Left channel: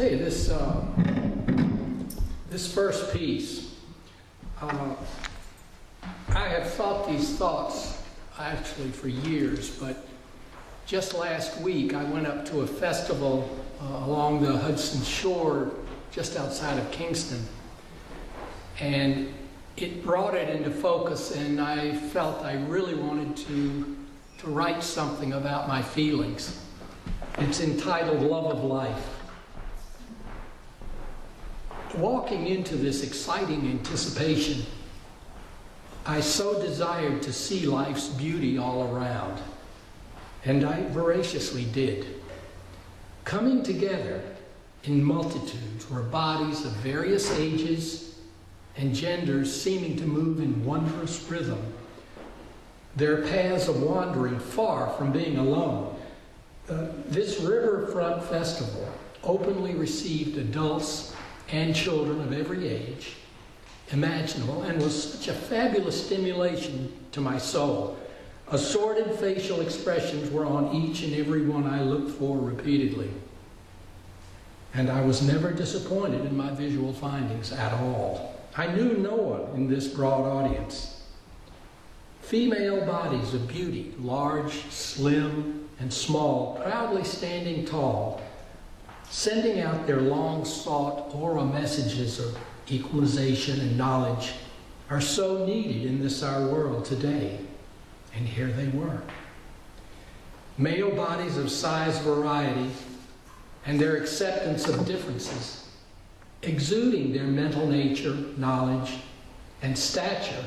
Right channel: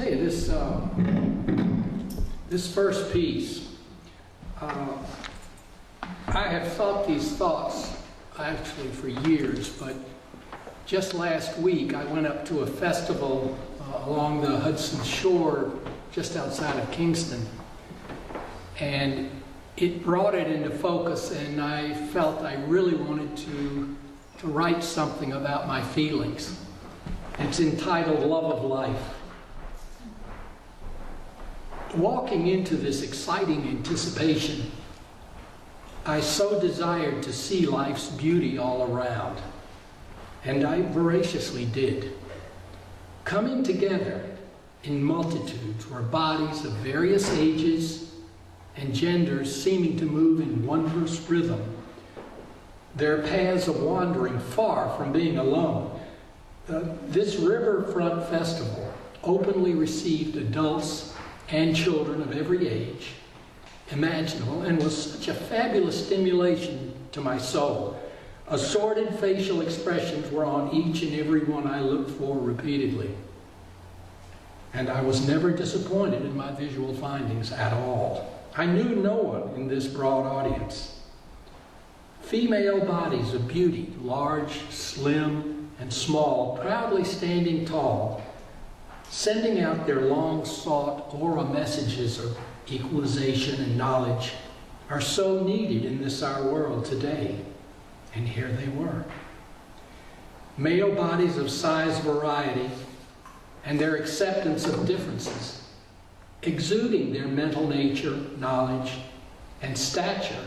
tell you, this first piece, I have thought these thoughts actually for years, but just last week I went up to a festival along the Hudson shore just outside of Kingston, and it brought it into focus, and I felt I really wanted to write something about my feelings. It's entitled Love of Life. Walking into this exciting anticipation, I so desired to see life's beauty all around, and I voraciously did. Coming together in multitudes were bodies of various ages and genders seeming to move in wondrous rhythm, their paths of wandering far from being alone. This riverfront festival openly received adults and children of every age imaginable, and was such a fabulous stimulation to my soul. Assorted facial expressions were on each and every one I looked for repeatedly. And I was never disappointed in my visual findings at all. I knew no one in this broad audience. Female bodies of beauty, large, slim, and small, proudly standing tall, sending out their long-sought aura messages of equalization and knowledge, are so needed in this our world today. And here they were. Male bodies of size variety and their acceptance of differences, exuding their mental nature, knowledge, and stature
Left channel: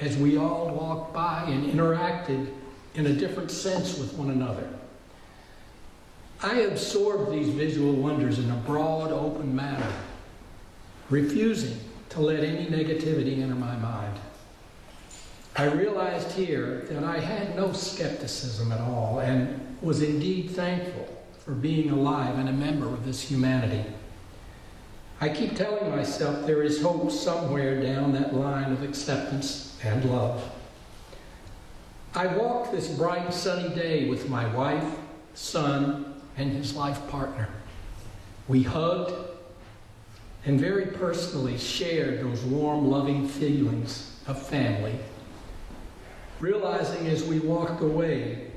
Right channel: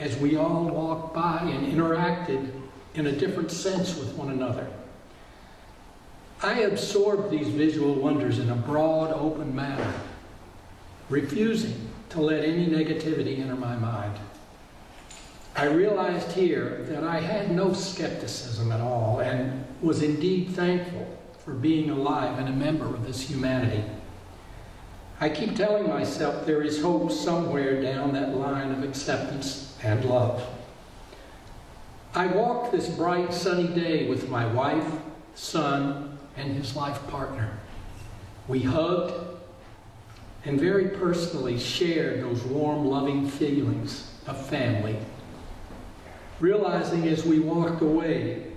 as we all walked by and interacted in a different sense with one another. I absorbed these visual wonders in a broad, open manner, refusing to let any negativity enter my mind. I realized here that I had no skepticism at all and was indeed thankful for being alive and a member of this humanity. I keep telling myself there is hope somewhere down that line of acceptance and love. I walked this bright, sunny day with my wife, son, and his life partner. We hugged and very personally shared those warm, loving feelings of family, realizing as we walked away,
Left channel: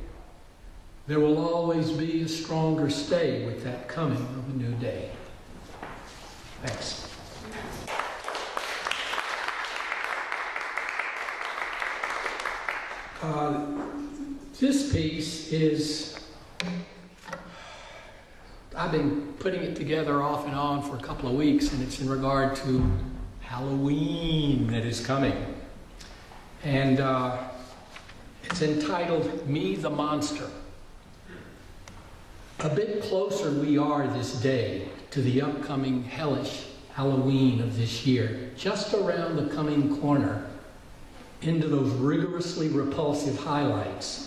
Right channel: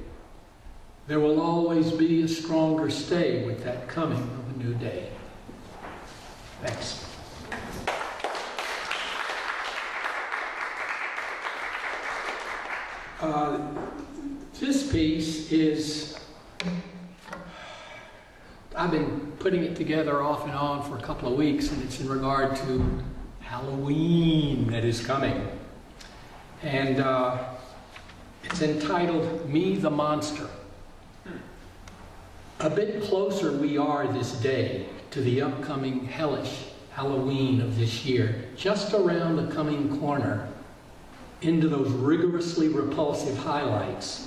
there will always be a stronger stay with that coming of a new day. Thanks. This piece is, I've been putting it together off and on for a couple of weeks, and it's in regard to Halloween that is coming. And it's entitled Me the Monster. A bit closer we are this day to the upcoming hellish Halloween of this year, just around the coming corner into those rigorously repulsive highlights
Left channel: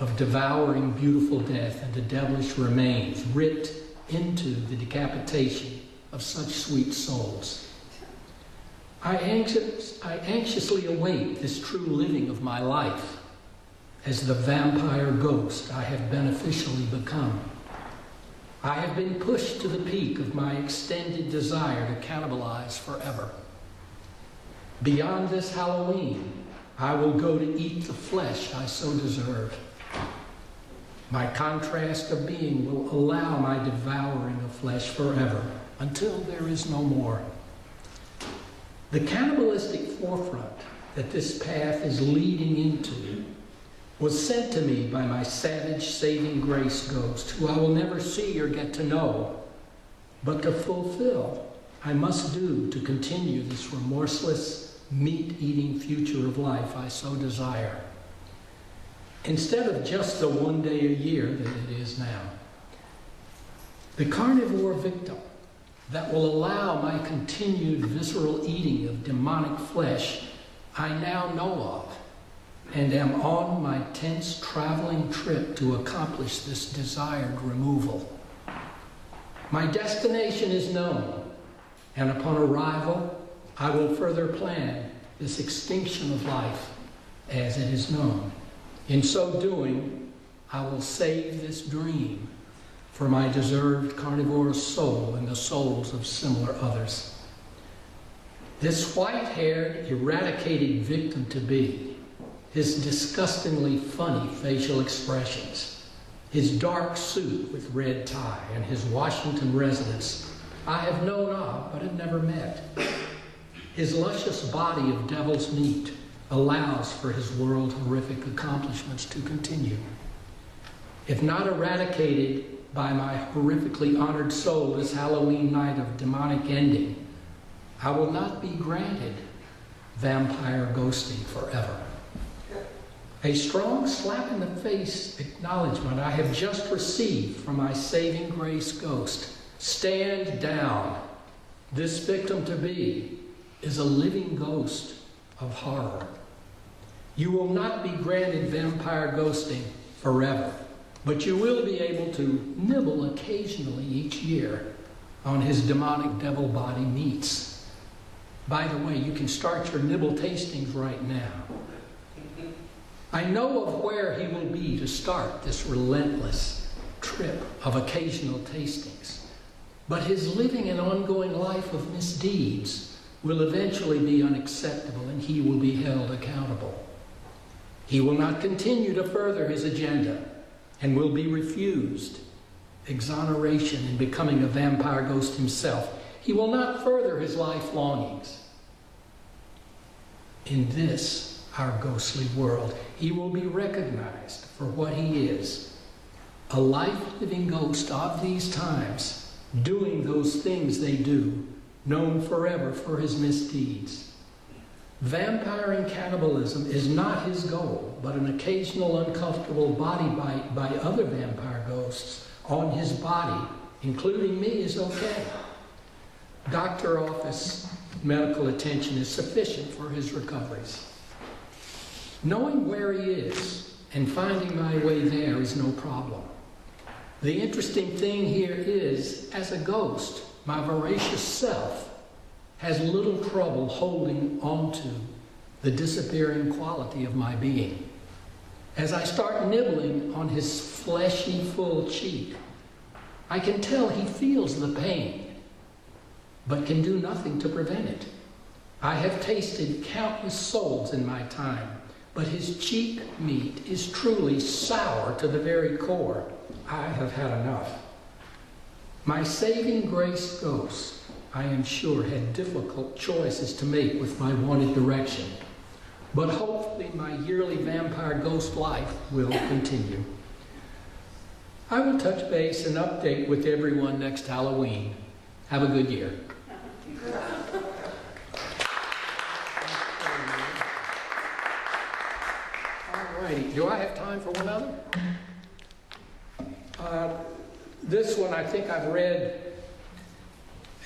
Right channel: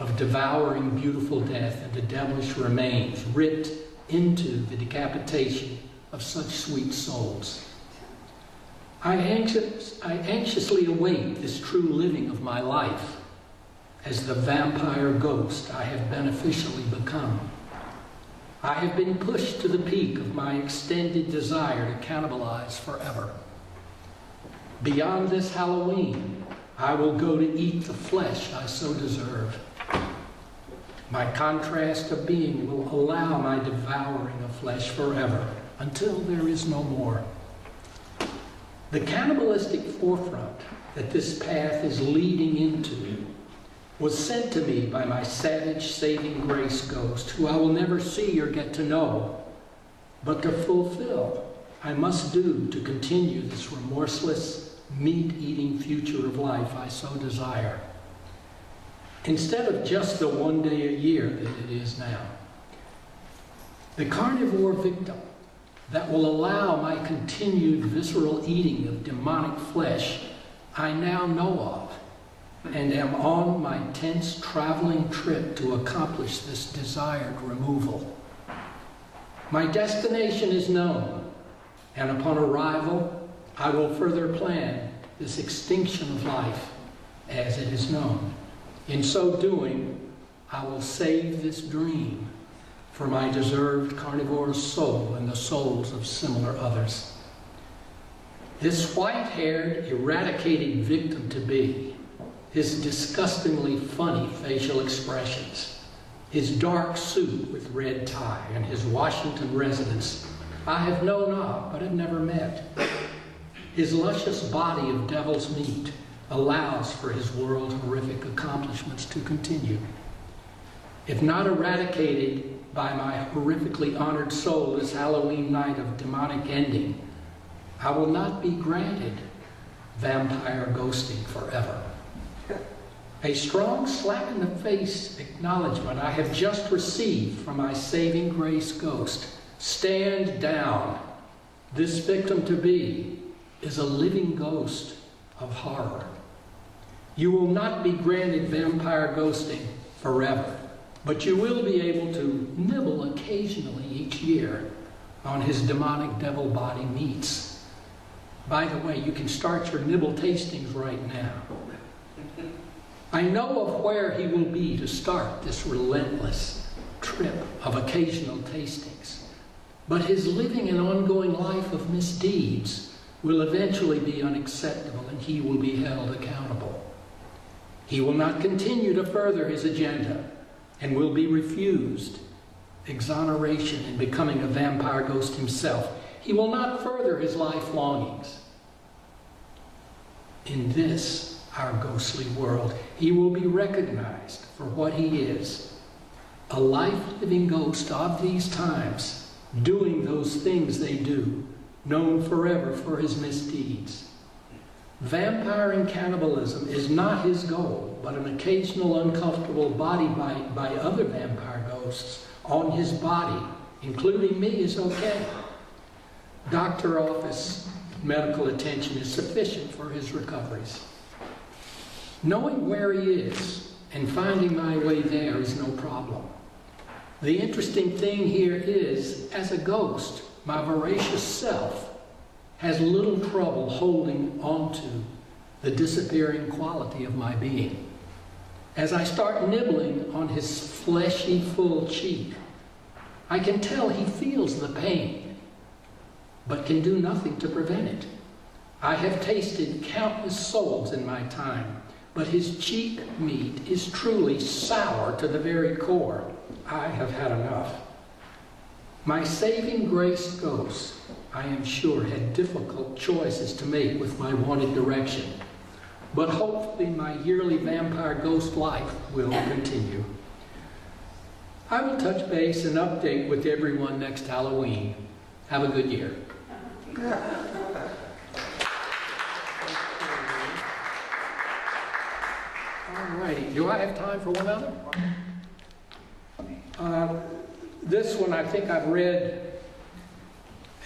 of devouring beautiful death and the devilish remains ripped into the decapitation of such sweet souls. I anxiously await this true living of my life as the vampire ghost I have beneficially become. I have been pushed to the peak of my extended desire to cannibalize forever. Beyond this Halloween, I will go to eat the flesh I so deserve. My contrast of being will allow my devouring of flesh forever until there is no more. The cannibalistic forefront that this path is leading into was sent to me by my savage saving grace ghost, who I will never see or get to know, but to fulfill I must do to continue this remorseless, meat-eating future of life I so desire, instead of just the one day a year that it is now. The carnivore victim that will allow my continued visceral eating of demonic flesh I now know of, and am on my tense traveling trip to accomplish this desired removal. My destination is known, and upon arrival, I will further plan this extinction of life as it is known. In so doing, I will save this dream for my deserved carnivorous soul and the souls of similar others. This white-haired, eradicated victim-to-be, his disgustingly funny facial expressions, his dark suit with red tie, and his Washington residence, I have known of but have never met. His luscious body of devil's meat allows for his world horrific accomplishments to continue. If not eradicated by my horrifically honored soul this Halloween night of demonic ending, I will not be granted vampire ghosting forever. A strong slap in the face acknowledgement I have just received from my saving grace ghost. Stand down. This victim-to-be is a living ghost of horror. You will not be granted vampire ghosting forever, but you will be able to nibble occasionally each year on his demonic devil body meats. By the way, you can start your nibble tastings right now. I know of where he will be to start this relentless trip of occasional tastings, but his living an ongoing life of misdeeds will eventually be unacceptable and he will be held accountable. He will not continue to further his agenda and will be refused exoneration in becoming a vampire ghost himself. He will not further his life longings. In this, our ghostly world, he will be recognized for what he is, a life-living ghost of these times, doing those things they do, known forever for his misdeeds. Vampire and cannibalism is not his goal, but an occasional uncomfortable body bite by other vampire ghosts on his body, including me, is okay. Doctor office medical attention is sufficient for his recoveries. Knowing where he is and finding my way there is no problem. The interesting thing here is, as a ghost, my voracious self has little trouble holding on to the disappearing quality of my being. As I start nibbling on his fleshy, full cheek, I can tell he feels the pain, but can do nothing to prevent it. I have tasted countless souls in my time, but his cheek meat is truly sour to the very core. I have had enough. My saving grace ghost, I am sure, had difficult choices to make with my wanted direction, but hopefully my yearly vampire ghost life will continue. I will touch base and update with everyone next Halloween. Have a good year. All righty. Do I have time for one other? This one I think I've read,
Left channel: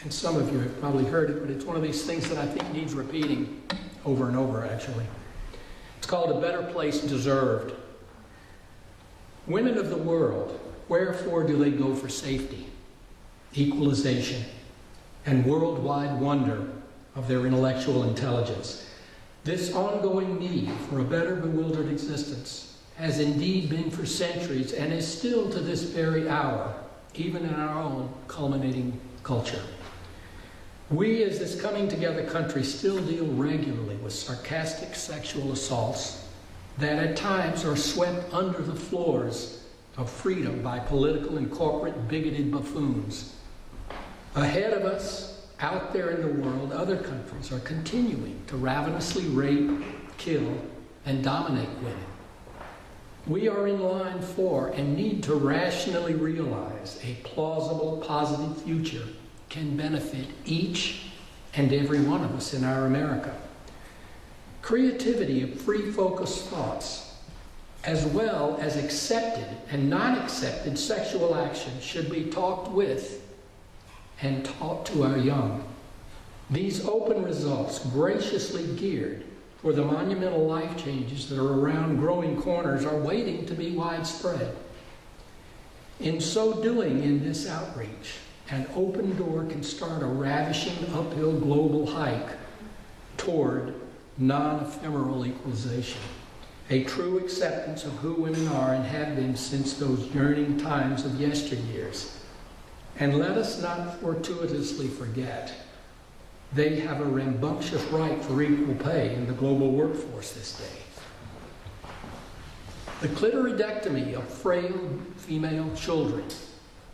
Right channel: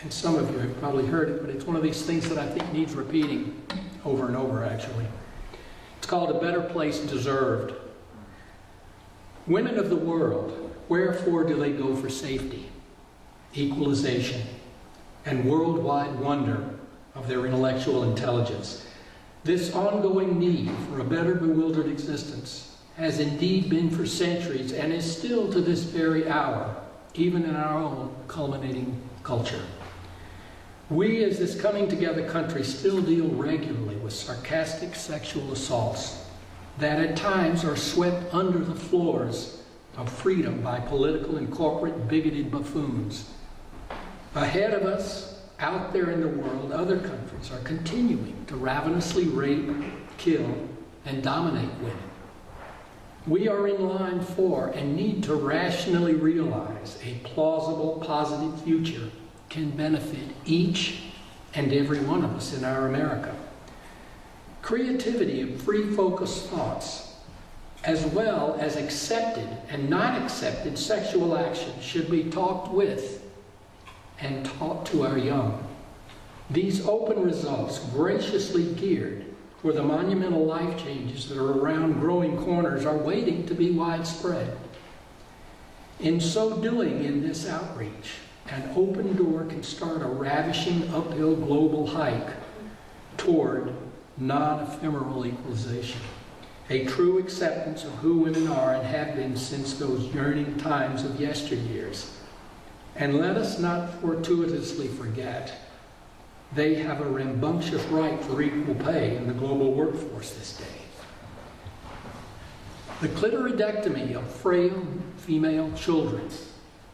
and some of you have probably heard it, but it's one of these things that I think needs repeating over and over, actually. It's called A Better Place Deserved. Women of the world, wherefore do they go for safety, equalization, and worldwide wonder of their intellectual intelligence? This ongoing need for a better bewildered existence has indeed been for centuries and is still to this very hour, even in our own culminating culture. We, as this coming together country, still deal regularly with sarcastic sexual assaults that at times are swept under the floors of freedom by political and corporate bigoted buffoons. Ahead of us, out there in the world, other countries are continuing to ravenously rape, kill, and dominate women. We are in line for and need to rationally realize a plausible, positive future can benefit each and every one of us in our America. Creativity of free focused thoughts, as well as accepted and non-accepted sexual action, should be talked with and taught to our young. These open results, graciously geared for the monumental life changes that are around growing corners, are waiting to be widespread. In so doing, in this outreach, an open door can start a ravishing uphill global hike toward non-ephemeral equalization. a true acceptance of who women are and have been since those yearning times of yesteryears. And let us not fortuitously forget, they have a rambunctious right for equal pay in the global workforce this day. The clitoridectomy of frail female children,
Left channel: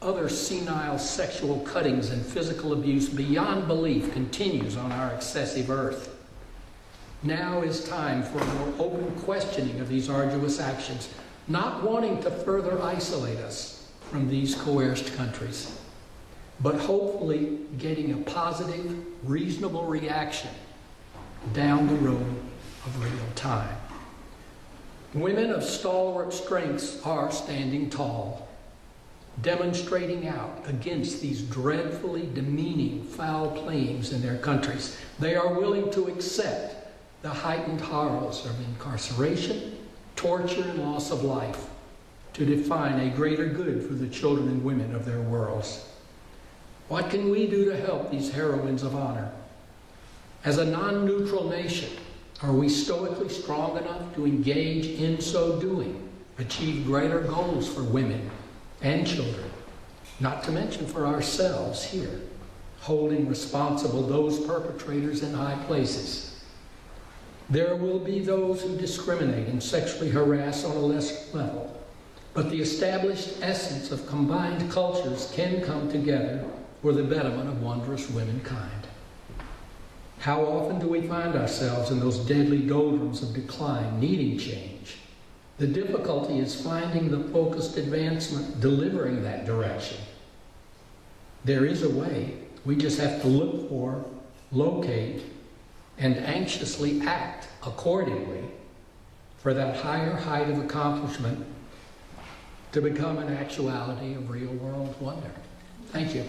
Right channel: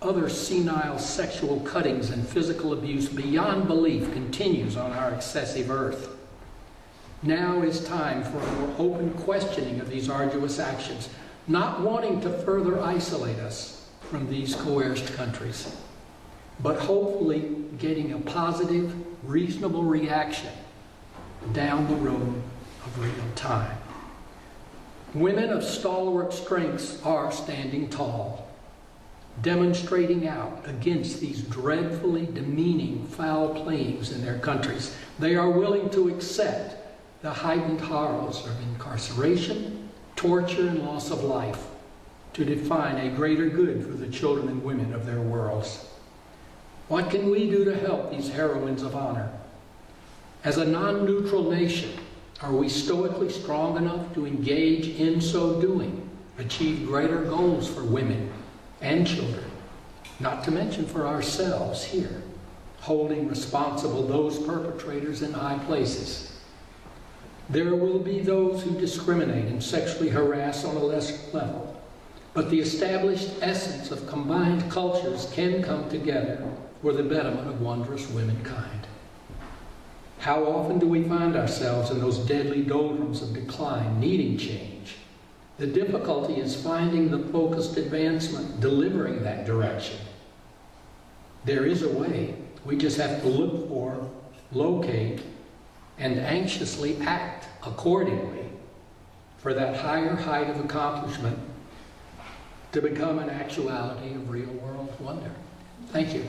other senile sexual cuttings and physical abuse beyond belief continues on our excessive earth. Now is time for a more open questioning of these arduous actions, not wanting to further isolate us from these coerced countries, but hopefully getting a positive, reasonable reaction down the road of real time. Women of stalwart strengths are standing tall, demonstrating out against these dreadfully demeaning foul playings in their countries. They are willing to accept the heightened horrors of incarceration, torture, and loss of life to define a greater good for the children and women of their worlds. What can we do to help these heroines of honor? As a non-neutral nation, are we stoically strong enough to engage in so doing, achieve greater goals for women and children, not to mention for ourselves here, holding responsible those perpetrators in high places? There will be those who discriminate and sexually harass on a lesser level, but the established essence of combined cultures can come together for the betterment of wondrous womankind. How often do we find ourselves in those deadly doldrums of decline, needing change? The difficulty is finding the focused advancement, delivering that direction. There is a way. We just have to look for, locate, and anxiously act accordingly for that higher height of accomplishment to become an actuality of real world wonder. Thank you.